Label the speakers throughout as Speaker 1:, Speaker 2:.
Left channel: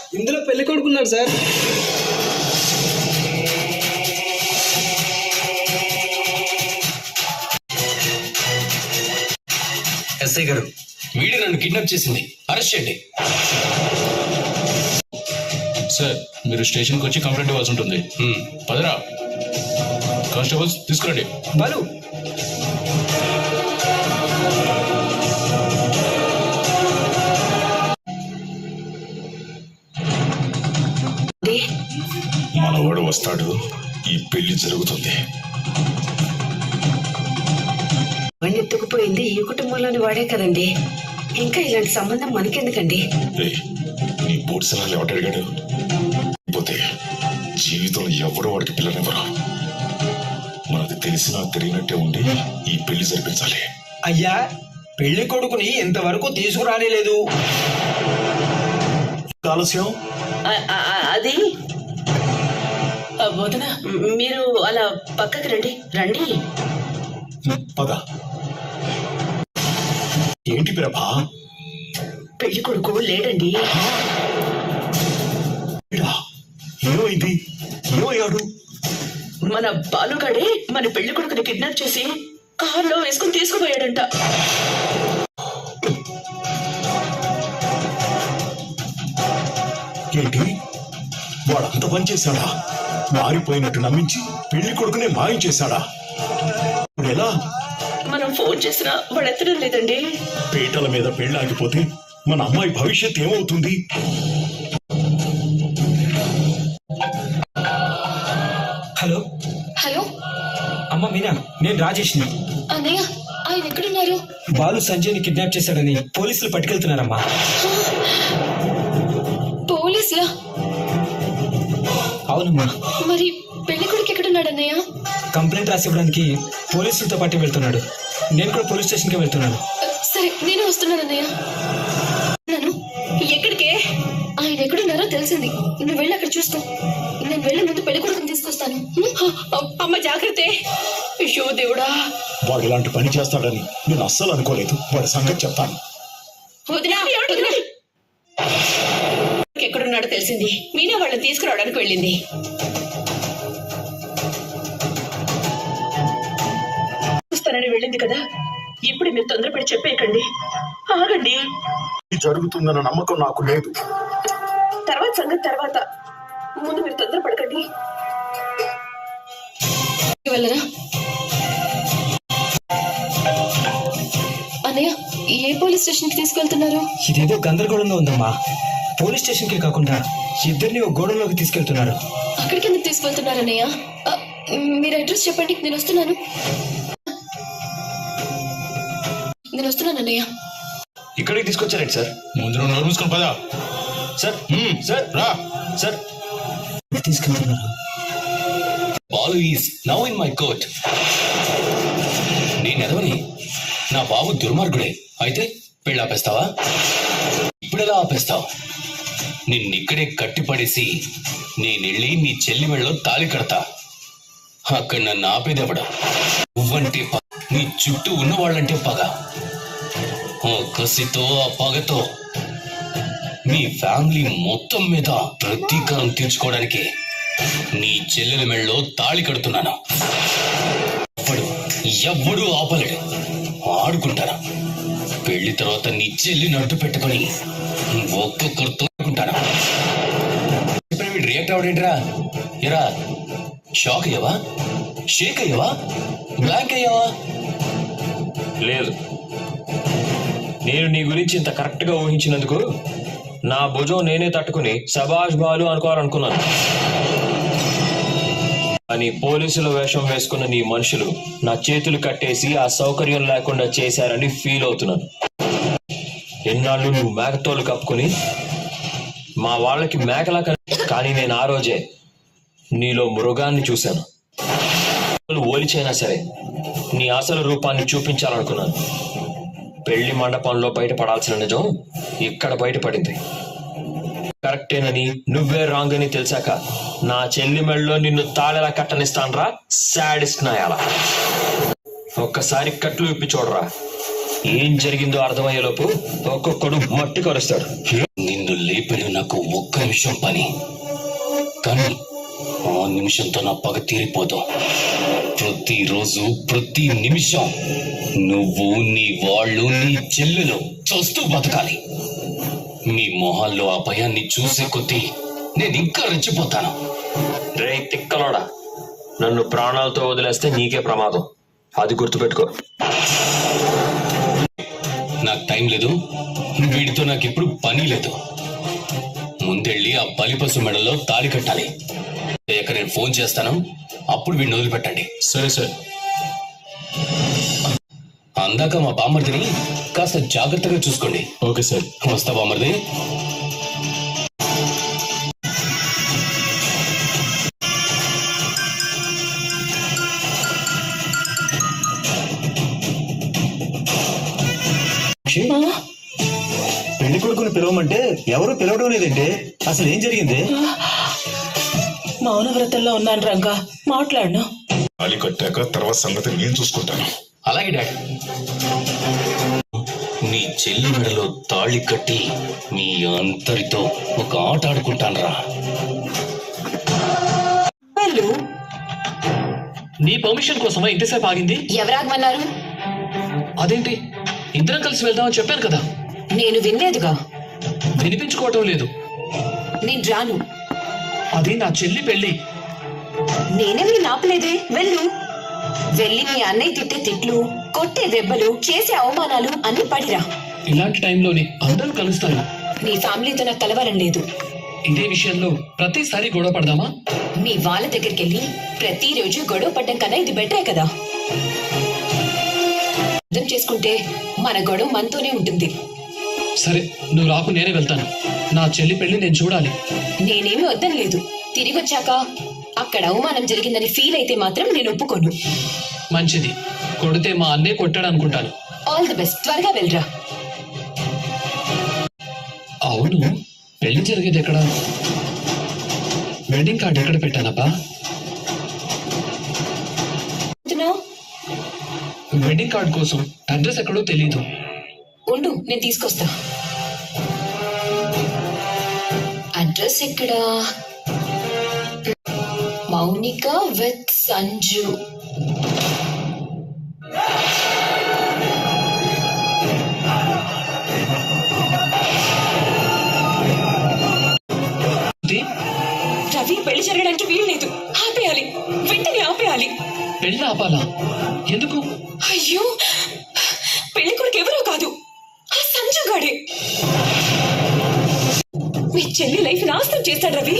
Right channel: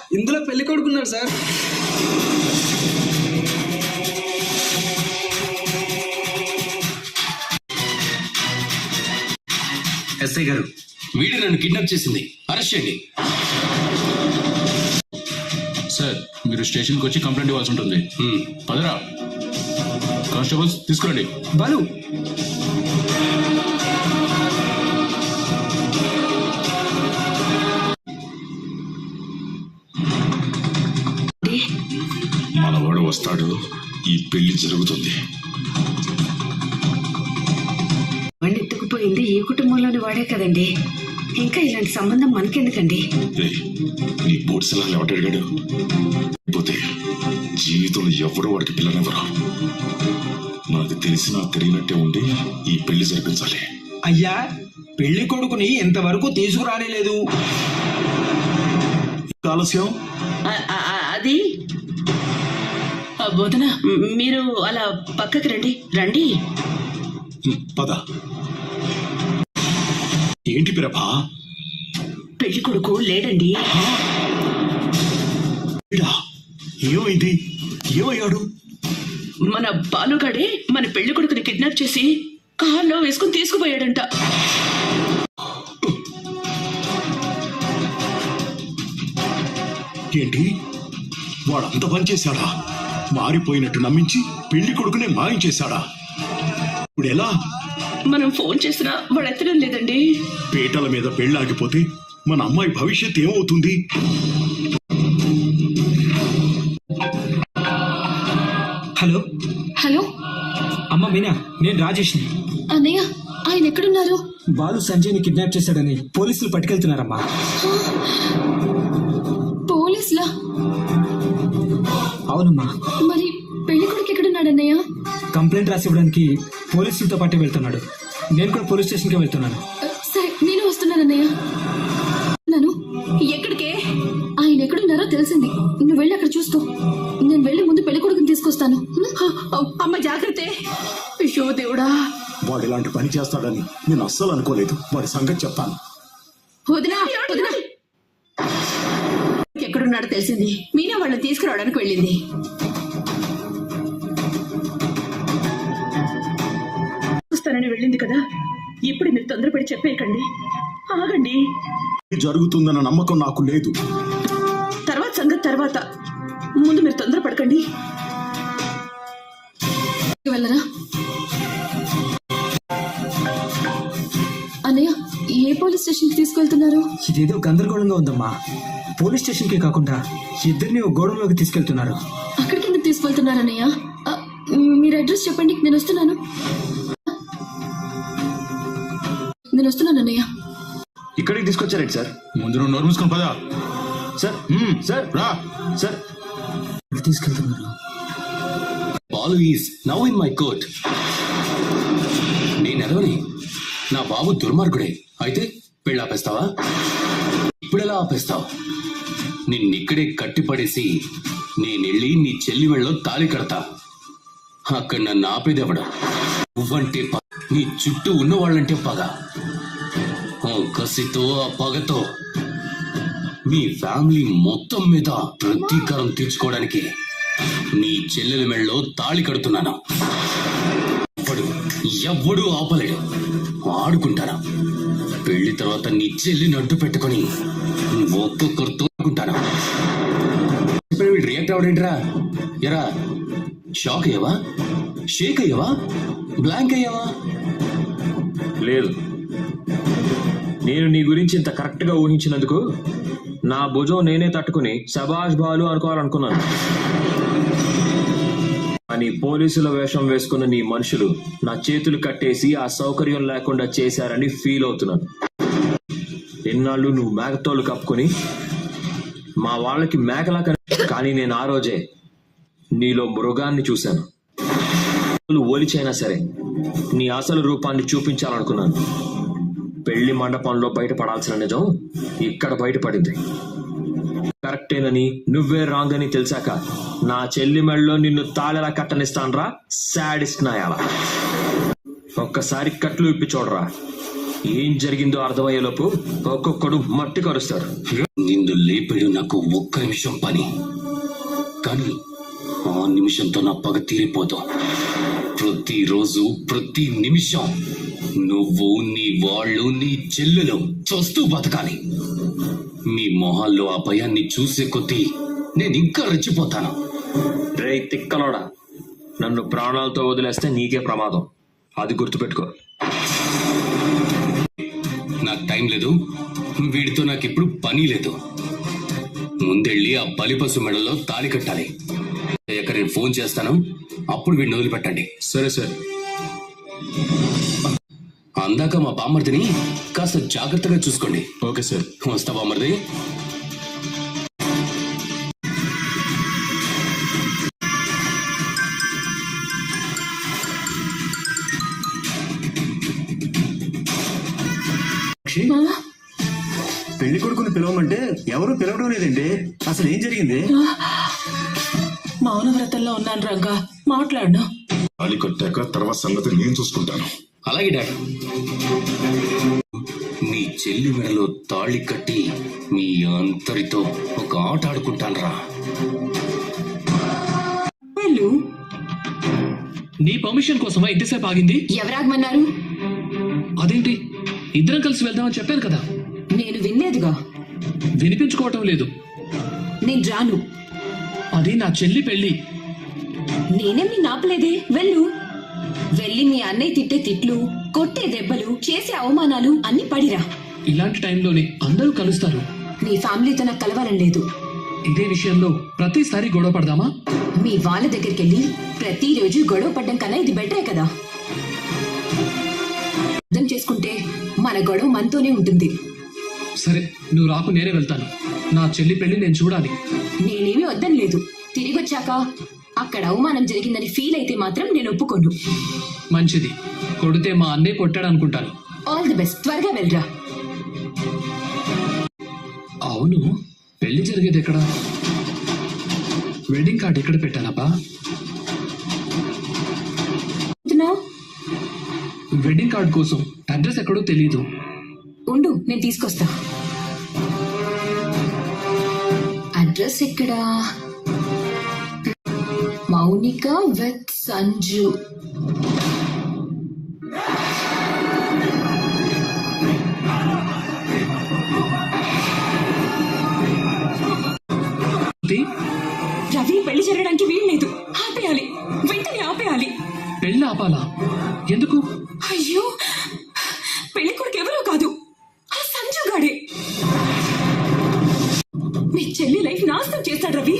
Speaker 1: ఇందులో పెళ్లి కొడుకున్నాడు సార్.
Speaker 2: ఎస్ఐ గారు, వీడు నన్ను కిడ్నాప్ చేసింది, అరెస్ట్ చేయండి.
Speaker 3: సార్, మీరు స్టేషన్కి వచ్చి కంప్లైంట్ ఇవ్వాల్సి ఉంటుంది. పదరా కానిస్టేబుల్స్, తీసుకురండి.
Speaker 1: బాలు,
Speaker 3: మనవాడు వస్తాడు, ఈ పెళ్లి జరుగుతుంది.
Speaker 4: వాడిని ఎత్తుకుపోయింది ఈ కుటుంబంలోని వాడే కదండి. ఇంకా ఇలాంటి సంబంధం మనకెందుకండి?
Speaker 3: నీ బోట్స్ ఎవరు అడిగాడు? పోతే జీవితంలో ఎవడు వాడికి పిల్లనివ్వరు. మనకు తెలిసినా తెలియనట్టే ఉండి ఈ పెళ్లి జరిపించాలి.
Speaker 1: అయ్యా, పెళ్లి కొడుకుని ఎంతవరకు తీసుకురాలేదు.
Speaker 3: ఆలస్యం
Speaker 4: అది వదిన, మీరు అలా పక్కకి రండి. రండి.
Speaker 3: పద. ఏంటి ప్రభా?
Speaker 4: పెళ్లి కొడుకు లేడండి.
Speaker 3: ఏమైంది? ఏమయ్యాడు?
Speaker 4: మన బాలుగాడే మన పెళ్లి కొడుకుని కిడ్నాప్ చేసి కార్లో వేసుకుని తీసుకుపోయాడంట.
Speaker 3: ఏంటి, వాడంత పని చేశాడా? మారిపోయినట్టు నమ్మించి పెళ్లి కొడుకునే మాయం చేశాడా? ఇప్పుడు ఎలా?
Speaker 4: మనం ఫోన్ చేసినా వాడు ఎత్తడం లేదండి.
Speaker 3: పీటల మీద పెళ్లి ఆగిపోతే మన అమ్మాయి భవిష్యత్ ఏమవుతుంది?
Speaker 1: హలో
Speaker 5: హలో
Speaker 1: అమ్మ మీనా, నేను రాజేష్ని.
Speaker 5: అన్నయ్య, ఆయన ఎక్కడున్నారు?
Speaker 1: బాలు సంజయ్ని కిడ్నాప్ చేశాడని పోలీసులు పట్టుకెళ్తున్నారమ్మా.
Speaker 5: పోలీసులా?
Speaker 1: అవునమ్మా.
Speaker 5: మరి పెళ్లి కొడుకు ఎక్కడున్నాడు అన్నయ్య?
Speaker 1: కంప్లైంట్ రాసి ఇవ్వడానికి పోలీసులతో పాటు వెళ్తున్నాడు. నేను కూడా పోలీస్ స్టేషన్కి వెళ్తున్నాను.
Speaker 5: సరే, నేను వస్తున్నాను అన్నయ్య. నన్ను ఎక్కడికే? ఆయన ఎక్కడున్నారో తెలిసింది. నువ్వు వెళ్ళి అక్కడ చూసుకో. నేను వెళ్ళి ముందు పెళ్లి కొడుకుని తీసుకొస్తాను. అమ్మ జాగ్రత్త. అయ్యో దేవుడా,
Speaker 3: వాడు ఇలాంటి పని చేస్తాడని నేను అస్సలు అనుకోలేదు. వాడి సంగతి చెప్తాను.
Speaker 4: ఎక్కడున్నాడో తెలిసింది. మీనా వాళ్ళని తీసుకురావడానికి వెళ్ళింది. చూస్తానని వెళ్ళింది కదా. ఇప్పుడు మీరు తొందరపడి చెప్పేయకండి. ఆగండి.
Speaker 3: జరుగుతుందన్న నమ్మకం నాకు లేదు.
Speaker 4: తర్వాత సంగతి తర్వాత. ముందు మీరు తొందరపడకండి.
Speaker 5: వెళ్ళరా అన్నయ్య? ఏ పోలీస్ స్టేషన్ కి తీసుకెళ్తున్నారు?
Speaker 1: ఇదేదో గందరగోళంగా ఉందమ్మా. పోలీస్ స్టేషన్కి కాకుండా ఇద్దరిని ఒక గోడంలోకి తీసుకెళ్తున్నారు.
Speaker 5: అక్కడికి ఎందుకు తీసుకెళ్తున్నారు అన్నయ్య? మీరు అడ్రస్ చెప్పండి, నేను వస్తున్నాను. నేను వస్తున్నాను అన్నయ్య.
Speaker 6: ఇక్కడికి తీసుకొచ్చారండి సార్?
Speaker 3: ముందు నువ్వు నోరు మూసుకొని పదా.
Speaker 6: సార్ సార్ రా సార్.
Speaker 1: తీసుకెళ్తున్నారు.
Speaker 2: Balu is now in my court. నేనెదవని, నా బాబు దుర్మార్గుడే. అయితే పెళ్ళి ఆపేస్తావా? ఇప్పుడెలా ఆపేస్తావు? నిన్నిక్కడే కట్టిపడేసి నేనెళ్ళి నీ చెల్లి మెళ్ళలో తాళి కడతా. అక్కడ నన్ను ఆపేదెవడ? నువ్వంటే నీ చుట్టూ ఉన్నవాళ్ళంటే పగ. ఆ కసితో, ఆ పగతో నీ ఫ్యామిలీ మొత్తం మీద ప్రతీకారం తీర్చుకోవడానికి నీ చెల్లెల మెళ్ళలో తాళి కడుతున్నాను. ఎవ్వడూ ఆపలేడు. ఆడుకుంటాను. పెళ్లి తర్వాత నీ చెల్లిని అడ్డు పెట్టుకుని ఒక్కొక్కరితో ఆడుకుంటాను. ఇప్పుడు వీడు రియాక్ట్ అవడేంట్రా? ఎరా, షాక్ అయ్యావా? షేక్ అయ్యావా? బ్లాంక్ అయ్యావా?
Speaker 6: లేదు, నేను నీ గురించి ఇంత కరెక్ట్ గా ఊహించినందుకు నా భుజం నేనే తట్టుకుని శబాష్ బాలు అనుకోవాలనుకున్నాను. కానీ పోలీసుల వేషం వేసుకున్న నీ మనుషులు నా చేతులు కట్టేసి ఆ సౌకర్యం లేకుండా చేశారని ఫీల్ అవుతున్నాను. ఎన్నాళ్ళు నువ్వు మేకతోలు కప్పుకొని మా వాళ్ళకి మేకలా కానీ నేను ఆ రోజే నీలో మృగాన్ని చూశాను. ఓలిచైనా సరే నీ అసలు రూపాన్ని చూపించాలనుకున్నాను. పెళ్లి మండపంలో బయటపడాల్సిన నిజం ఇక్కడ బయటపడింది. కరెక్టేనని, నువ్వే రాంగ్ అని తెలిసాక నా చెల్లి మెళ్ళలో నిన్ను తాళెలా కట్టనిస్తానరా సాడిస్ట్ నాయాల. ఒక్కసారి కట్లు ఇప్పి చూడరా. ఏం జరిగిందో అర్థమయ్యేలోపు ఒక్కొక్కడు మట్టి కరుస్తాడు.
Speaker 2: నిన్ను లేపడు నాకు ఒక్క నిమిషం పని, కానీ ఆ నిమిషంతో నా పగ తీరిపోదు. ప్రతిరోజు ప్రతి నిమిషం నువ్వు, నీ వాళ్ళు, నీ చెల్లెలు చూస్తూ బతకాలి. మీ మొహాల్లో ఆ భయాన్ని చూసే కొద్దీ నేను ఇంకా రెచ్చిపోతాను.
Speaker 6: రే తిక్కలోడా, నన్ను ప్రాణాలతో వదిలేస్తే నీకే ప్రమాదం, అది గుర్తుపెట్టుకో.
Speaker 2: నాకు టైం లేదు, వీడితో నాకు ఇప్పుడు పని లేదు. ముందెళ్ళి ఆ బలిపశు మెడలో తాళి కట్టాలి. అయ్యాక నేను ఫోన్ చేస్తాను, అప్పుడు వీడిని వదిలిపెట్టండి.
Speaker 6: సరే సార్.
Speaker 2: అందాక మా బామర్దిని కాస్త జాగ్రత్తగా చూసుకోండి.
Speaker 6: Okay sir.
Speaker 2: వస్తా బామర్ది.
Speaker 1: పెళ్లి కొడుకుని పిలవమంటే ఎవరు పిలవడం లేదండి. అసలు ఏం జరిగింది?
Speaker 4: మౌనవ్రతంలో ఉన్నాను రంగా, మాట్లాడను.
Speaker 3: తాళి కట్టాక తర్వాత సంగతి నేను చూసుకుంటాను.
Speaker 2: అలాగే డాడ్. మీ చెల్లి మెడలో తాళి కట్టి మీ అందరితో ఒక ఆట ఆడుకుంటానరా.
Speaker 4: వెళ్ళు.
Speaker 7: నీ పర్మిషన్ కోసమా ఇంతసేపు ఆగింది?
Speaker 5: ఎవరాగమన్నారు?
Speaker 7: అదేంటి, ఇద్దరం కలిసి వెళ్దామని చెప్పాను కదా.
Speaker 4: నేను వినలేదుగా.
Speaker 7: వినిపించుకోవటం లేదు.
Speaker 4: నేను రాను.
Speaker 7: అది నా చెల్లి పెళ్లి.
Speaker 4: నేనెవరి నాపలేదే. వెళ్ళు. వెళ్ళి మీ అన్నయ్య తిట్టే తిట్లు, కొట్టే దెబ్బలు, చేసే అవమానాలు అన్ని పడిరా.
Speaker 7: ఇలాంటి టైంలోనే అందరూ కలుస్తారు.
Speaker 4: మీ ఫ్యామిలీతో నాకు కలవాలని లేదు.
Speaker 7: ఇదే విషయంలో ప్రతిసారి గొడవ పడదామా?
Speaker 4: మీ వాళ్ళ దగ్గరికి వెళ్ళి ప్రతిరోజు గొడవ పడ్డం కన్నా ఇది బెటరే కదా. అర్థం చేసుకుంటే మన గొడవ మనతోనే ఉంటుంది.
Speaker 7: సరే, నువ్వు రాకు, నేనే వెళ్తాను. నా చెల్లి పెళ్లి నేను చూడాలి.
Speaker 4: నేనేమి వద్దని లేదు. తిరిగి వచ్చాక అక్కడ అవమానం జరిగిందని ఫీల్ అయితే మాత్రం నేను ఒప్పుకోను.
Speaker 7: మంచిది. కొడితే మా అన్నయ్య కొట్టాడు అనుకుంటాను.
Speaker 4: All the best. త్వరగా వెళ్ళరా.
Speaker 7: అవును, పెళ్లి జరిగేది ఎక్కడ? వెడ్డింగ్ కార్డ్ ఎక్కడ పెట్టానబ్బా? వెడ్డింగ్ కార్డ్ కోసం అడ్రస్ ఎక్కడో తెలీదు.
Speaker 4: ఉండు, నేను తీసుకొస్తా. అడ్రస్ ఎక్కడా? మౌనిక విత్ సంజు. రవి, పెళ్లి జరగడానికి వీల్లేదు. ఆపేయాలి, వెంటనే ఆపేయాలి.
Speaker 7: పెళ్లి ఆపాలా? ఎందుకు?
Speaker 4: అయ్యో, పెళ్లి కొడుకు ఎవరో కాదు, ఆ సంజు గాడే. మీ చెల్లి లైఫ్ నాశనం చేస్తాడు రవి.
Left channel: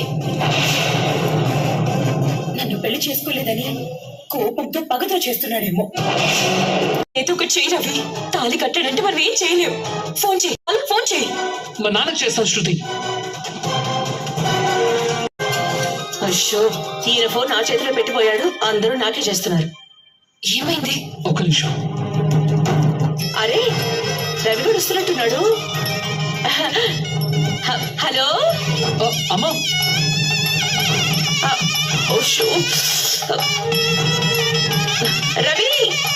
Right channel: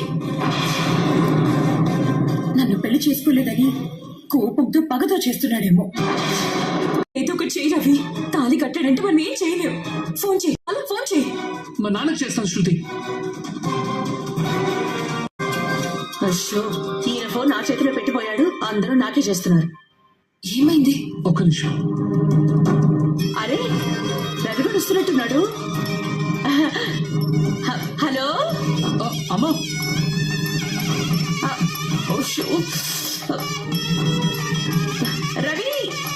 Speaker 4: నన్ను పెళ్లి చేసుకోలేదని కోపంతో పగతో చేస్తున్నాడేమో. ఏదో ఒకటి చేయి రవి. తాళి కట్టాడంటే మనం ఏం చేయలేము. ఫోన్ చేయి, వాళ్ళకి ఫోన్ చేయి.
Speaker 7: మా నాన్నకు చేస్తాను శృతి.
Speaker 4: అశోక్, ఈయన ఫోన్ నా చేతిలో పెట్టిపోయాడు. అందరూ నాకే చేస్తున్నారు. ఏమైంది?
Speaker 7: ఒక్క నిమిషం.
Speaker 4: అరే, రవి కూడా వస్తున్నట్టున్నాడు. హలో.
Speaker 7: అమ్మా.
Speaker 4: రవి,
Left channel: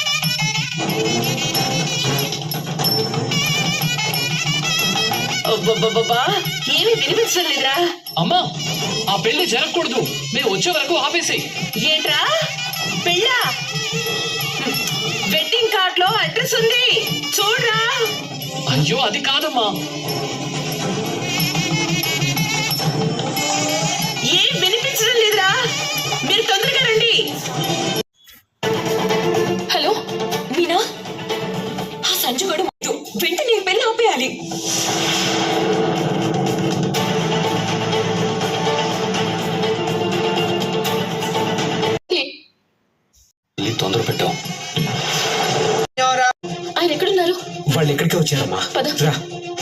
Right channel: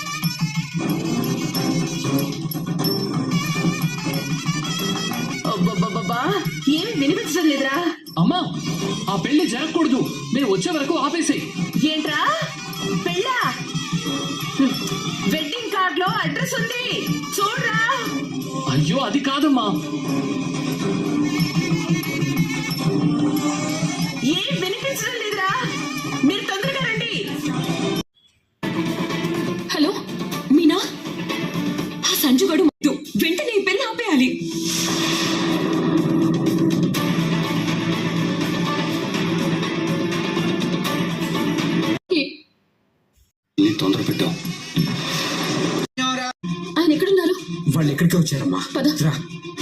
Speaker 4: ఏమీ వినిపించడం లేదురా.
Speaker 7: అమ్మా, ఆ పెళ్లి జరగకూడదు. మేము వచ్చే వరకు ఆపేసేయ్.
Speaker 4: ఏంట్రా పెళ్ళా? వెడ్డింగ్ కార్డ్ లో అడ్రస్ ఉంది, చూడరా.
Speaker 7: అయ్యో, అది కాదమ్మా.
Speaker 4: ఏం వినిపించడం లేదురా. మీరు తొందరగా రండి. హలో మీనా, ఆ సంజు గడు వెంటనే పెళ్లి ఆపేయాలి.
Speaker 2: తొందర పెట్టాం.
Speaker 5: ఆయన ఎక్కడున్నారు?
Speaker 1: వాళ్ళు ఎక్కడికి వచ్చారమ్మా.
Speaker 5: పద.
Speaker 1: రా.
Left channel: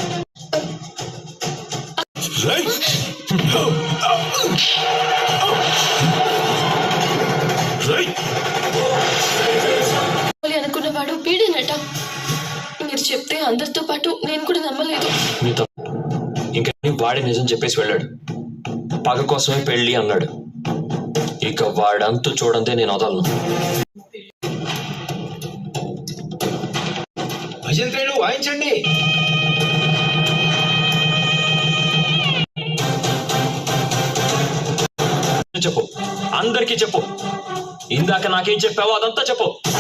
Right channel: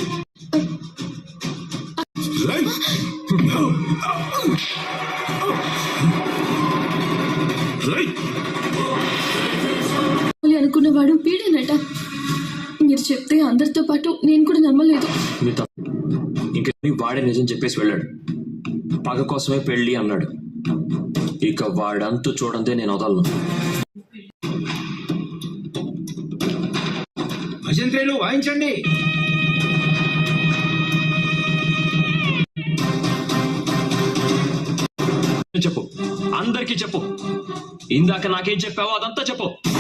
Speaker 5: అనుకున్నవాడు పీడేనట. మీరు చెప్తే అందరితో పాటు నేను కూడా నమ్మలేదు.
Speaker 6: నీతో ఇంకా వాడే నిజం చెప్పేసి వెళ్ళాడు. పగ కోసమే పెళ్లి అన్నాడు. ఇక వాడంతు చూడంతే నేను వదలను.
Speaker 1: భజంత్రేలు వాయించండి.
Speaker 6: చెప్పు, అందరికీ చెప్పు. ఇందాక నాకేం చెప్పావో అదంతా చెప్పు.